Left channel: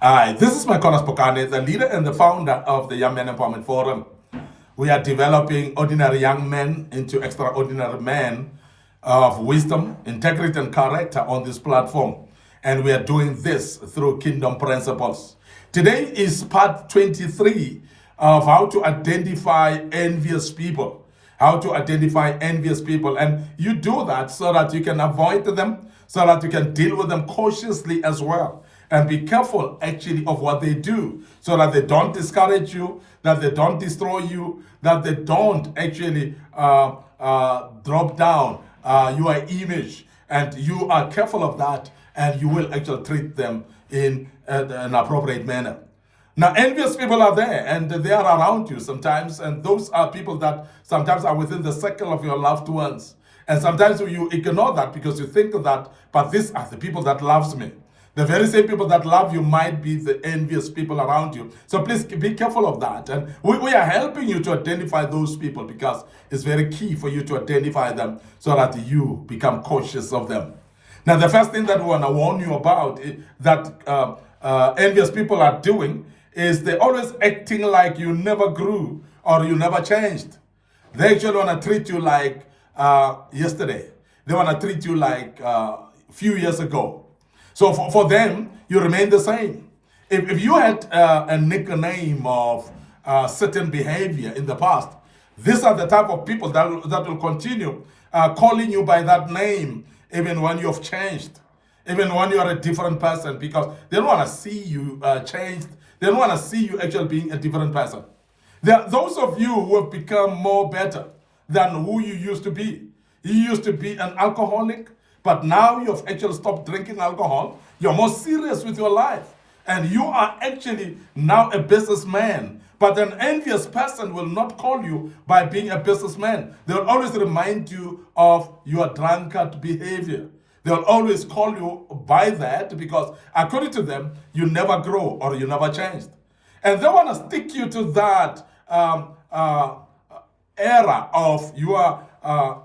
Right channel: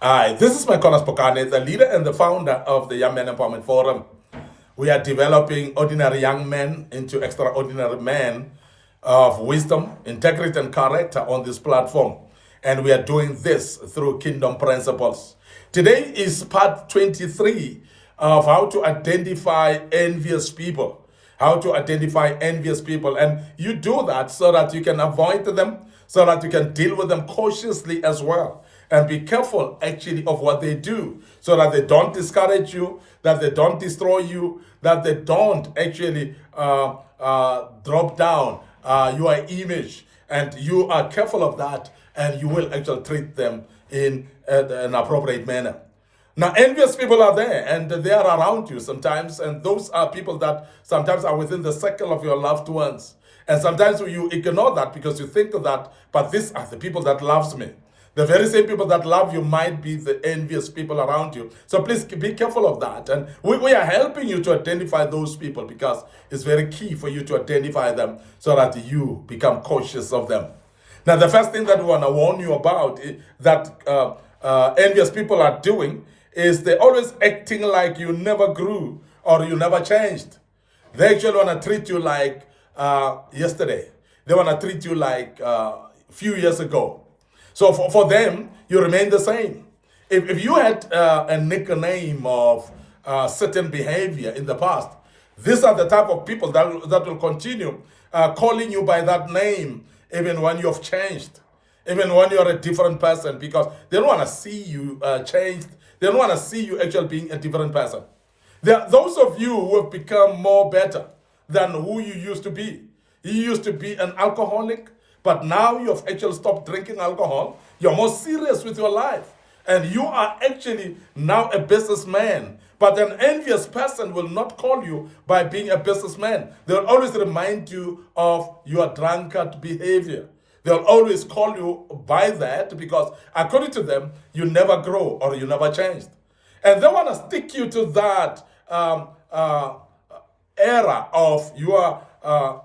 Hi, this is MIcornus Phokane, the leader and the founder of the Young Men Empowerment Forum. We are developing ordinary young men into extraordinary men of wisdom, integrity, and character on this platform. And we are doing this through kingdom principles. Today is part 23 of how to identify envious people. How to identify envious people. And you do that so that you can avoid them, so that you can deal with them cautiously as well. And be careful actually of what they do so that they don't discourage you, that they don't destroy you, that they don't actually drop down your image. And you are careful of that, and you will actually treat them in an appropriate manner. Now, envious people are there, and they are around you sometimes, and those are people that sometimes are within the circle of your loved ones. And sometimes you ignore that because you think that, but these are the people that loves me. The very same people that love you might be the envious people around you. So please be careful of that. And we are helping you to identify those people because it's very key for you to identify them so that you become cautious of them. Now, the first thing that we want to warn you about that envious people are doing is they're always acting like you never grew or you never changed. They actually want to treat you like yesterday. They want to treat you like a few years ago. So for them, you remain the same. If you had a nickname of certain behavior in the past, these are the type of people that will continue calling you by that name even when you've changed, even when you're a different person, because they don't want to see you changed. They don't want to see you actually being a different person. There are those of you who have become more better than who you used to be. You used to be an alcoholic, but now you've actually stopped drinking alcohol. You're more serious with your life. And you are actually now a businessman. But an envious person will not call you by being a businessman. They'll always remind you of your drunkard behavior. They'll always call you by that because, according to them, you never grow or you never changed. And they want to stick you to that era of your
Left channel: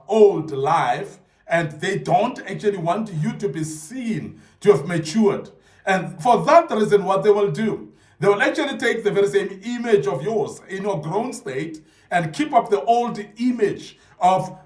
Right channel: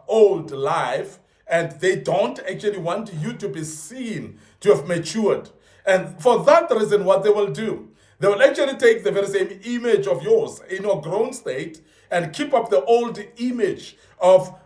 old life, and they don't actually want you to be seen to have matured. And for that reason, what they will do, they will actually take the very same image of yours in your grown state and keep up the old image of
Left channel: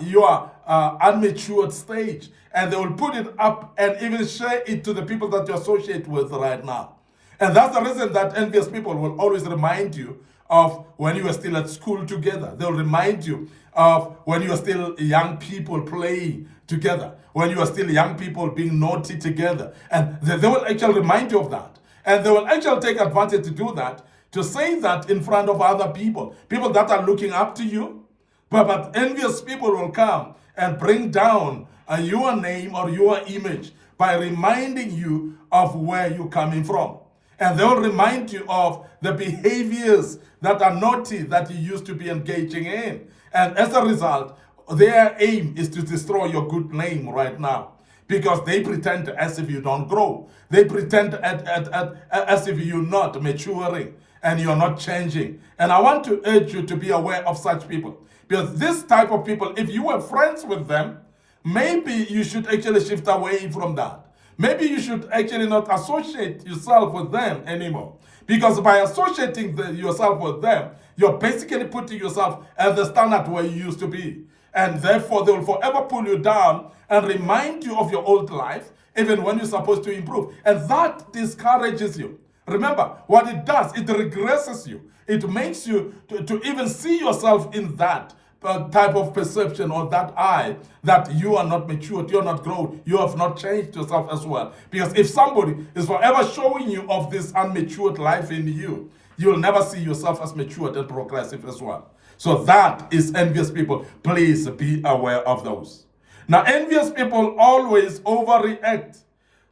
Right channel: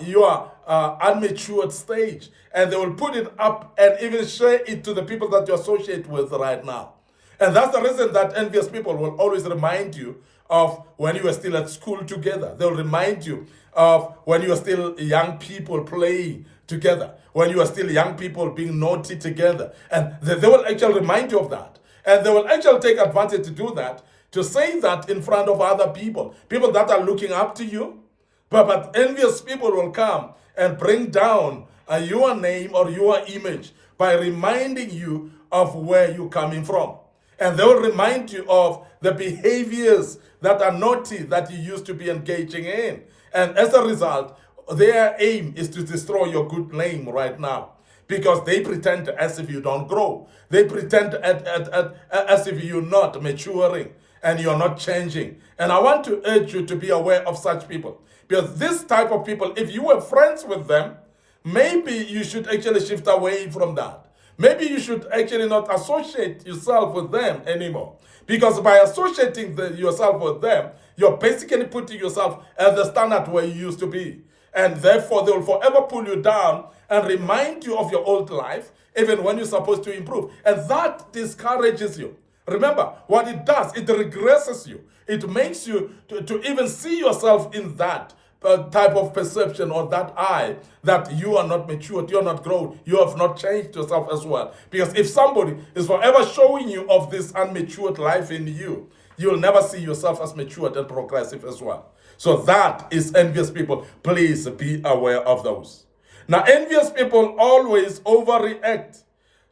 your unmatured stage. And they will put it up and even share it to the people that you associate with right now. And that's the reason that envious people will always remind you of when you were still at school together. They'll remind you of when you were still young people playing together, when you were still young people being naughty together. And they will actually remind you of that. And they will actually take advantage to do that, to say that in front of other people, people that are looking up to you. But envious people will come and bring down your name or your image by reminding you of where you're coming from. And they'll remind you of the behaviors that are naughty that you used to be engaging in. And as a result, their aim is to destroy your good name right now. Because they pretend as if you don't grow. They pretend as if you're not maturing and you're not changing. And I want to urge you to be aware of such people. Because this type of people, if you were friends with them, maybe you should actually shift away from that. Maybe you should actually not associate yourself with them anymore. Because by associating yourself with them, you're basically putting yourself at the standard where you used to be. And therefore, they will forever pull you down and remind you of your old life, even when you're supposed to improve. And that discourages you. Remember, what it does, it regresses you. It makes you to even see yourself in that type of perception or that eye that you are not matured, you're not grown, you have not changed yourself as well. Because if somebody is forever showing you of this unmatured life in you, you'll never see yourself as matured and progressive as well. So that is envious people. Please be aware of those. Now, envious people always overreact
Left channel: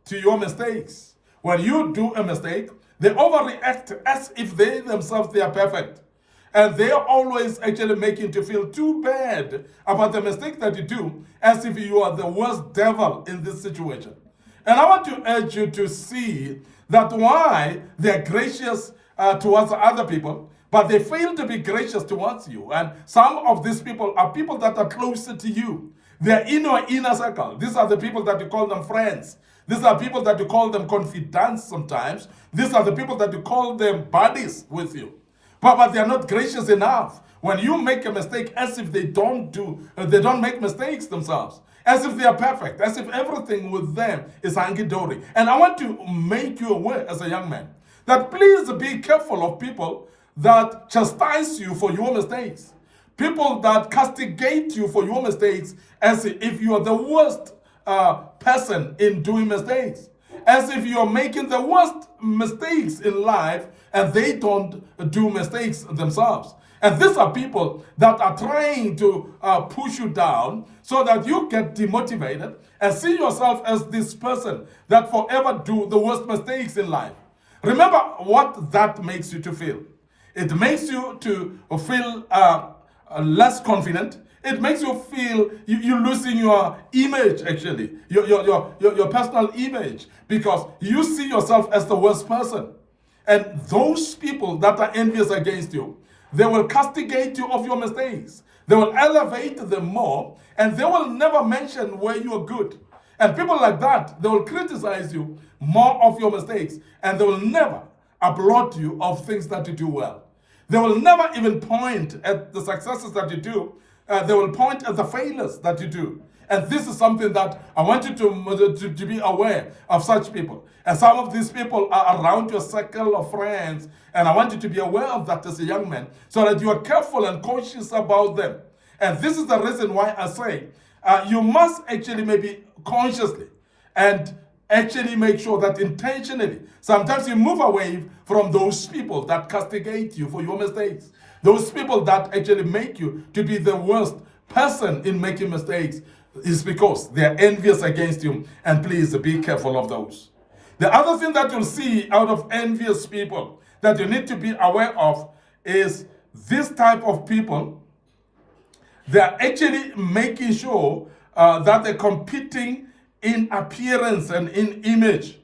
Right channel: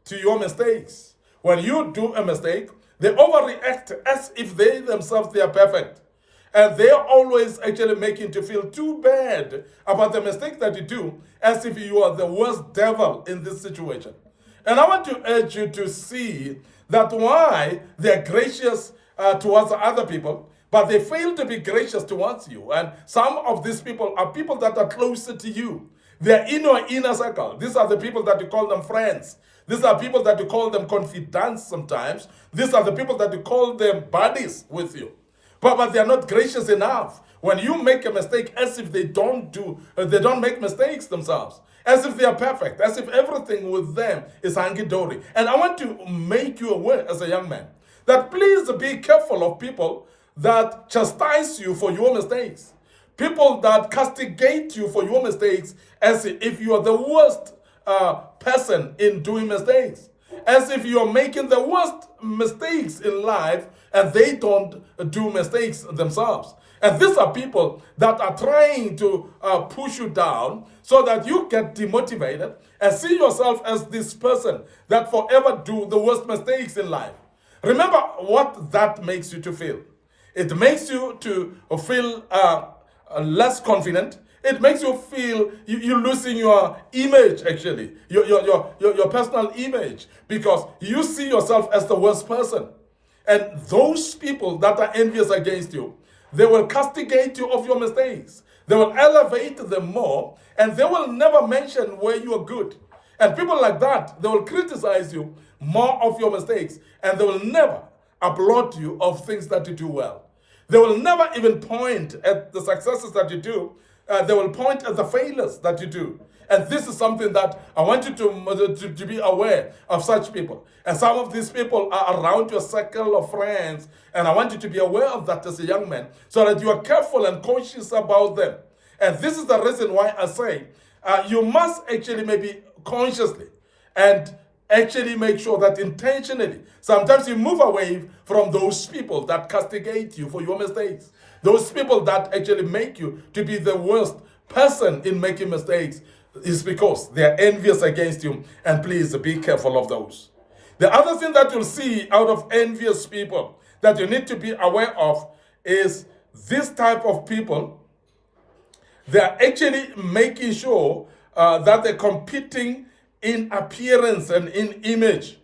to your mistakes. When you do a mistake, they overreact as if they themselves, they are perfect. And they are always actually making you feel too bad about the mistake that you do, as if you are the worst devil in this situation. And I want to urge you to see that why they are gracious towards other people, but they fail to be gracious towards you. And some of these people are people that are closer to you. They're in your inner circle. These are the people that you call them friends. These are people that you call them confidants sometimes. These are the people that you call them buddies with you. But they are not gracious enough. When you make a mistake, as if they don't make mistakes themselves. As if they are perfect. As if everything with them is hunky-dory. And I want to make you aware as a young man that please be careful of people that chastise you for your mistakes. People that castigate you for your mistakes as if you are the worst person in doing mistakes. As if you are making the worst mistakes in life and they don't do mistakes themselves. And these are people that are trying to push you down so that you get demotivated and see yourself as this person that forever do the worst mistakes in life. Remember what that makes you to feel. It makes you to feel less confident. It makes you feel you're losing your image, actually, your personal image, because you see yourself as the worst person. And those people that are envious against you, they will castigate you of your mistakes. They will elevate them more, and they will never mention where you are good. And people like that, they will criticize you more of your mistakes, and they will never applaud you of things that you do well. They will never even point at the successes that you do. They will point at the failures that you do. And this is something that I want you to be aware of such people. And some of these people are around your circle of friends. And I want you to be aware of that as a young man so that you are careful and conscious about them. And this is the reason why I say you must actually maybe consciously and actually make sure that intentionally, sometimes you move away from those people that castigate you for your mistakes. Those people that actually make you to be the worst person in making mistakes is because they're envious against you, and please be careful of those. The other thing that you'll see out of envious people that you need to be aware of is this type of people, they're actually making sure that they're competing in appearance and in image.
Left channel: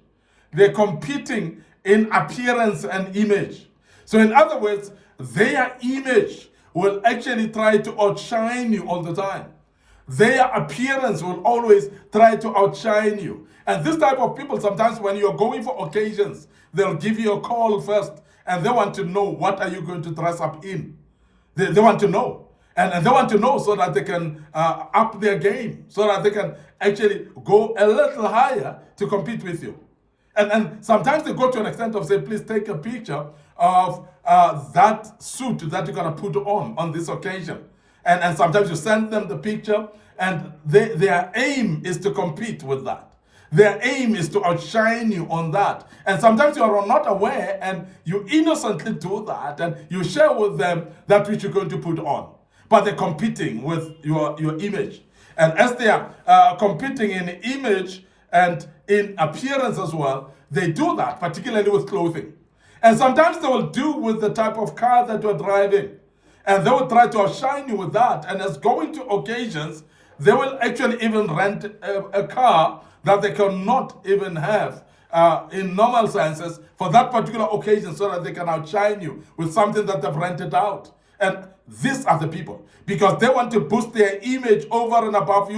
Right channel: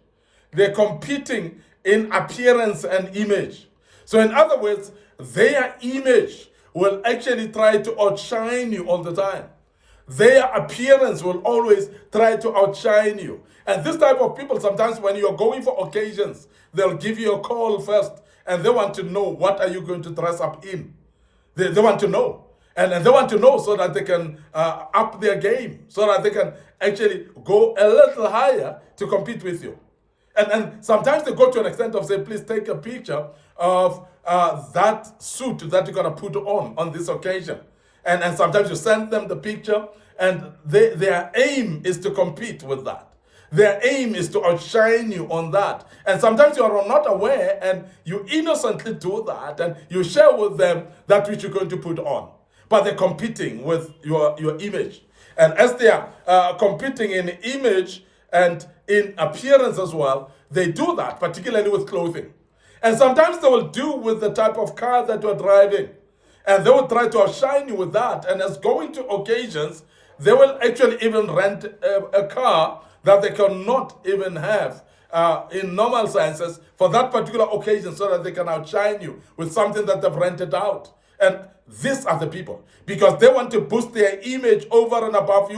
They're competing in appearance and image. So in other words, their image will actually try to outshine you all the time. Their appearance will always try to outshine you. And this type of people, sometimes when you're going for occasions, they'll give you a call first and they want to know what are you going to dress up in. They want to know. And they want to know so that they can up their game, so that they can actually go a little higher to compete with you. And sometimes they go to an extent of say, please take a picture of that suit that you're going to put on this occasion. And sometimes you send them the picture, and their aim is to compete with that. Their aim is to outshine you on that. And sometimes you are not aware, and you innocently do that, and you share with them that which you're going to put on. But they're competing with your image. And as they are competing in image and in appearance as well, they do that, particularly with clothing. And sometimes they will do with the type of car that you're driving. And they will try to outshine you with that. And as going to occasions, they will actually even rent a car that they cannot even have in normal senses for that particular occasion so that they can outshine you with something that they've rented out. And these are the people, because they want to boost their image over and above you.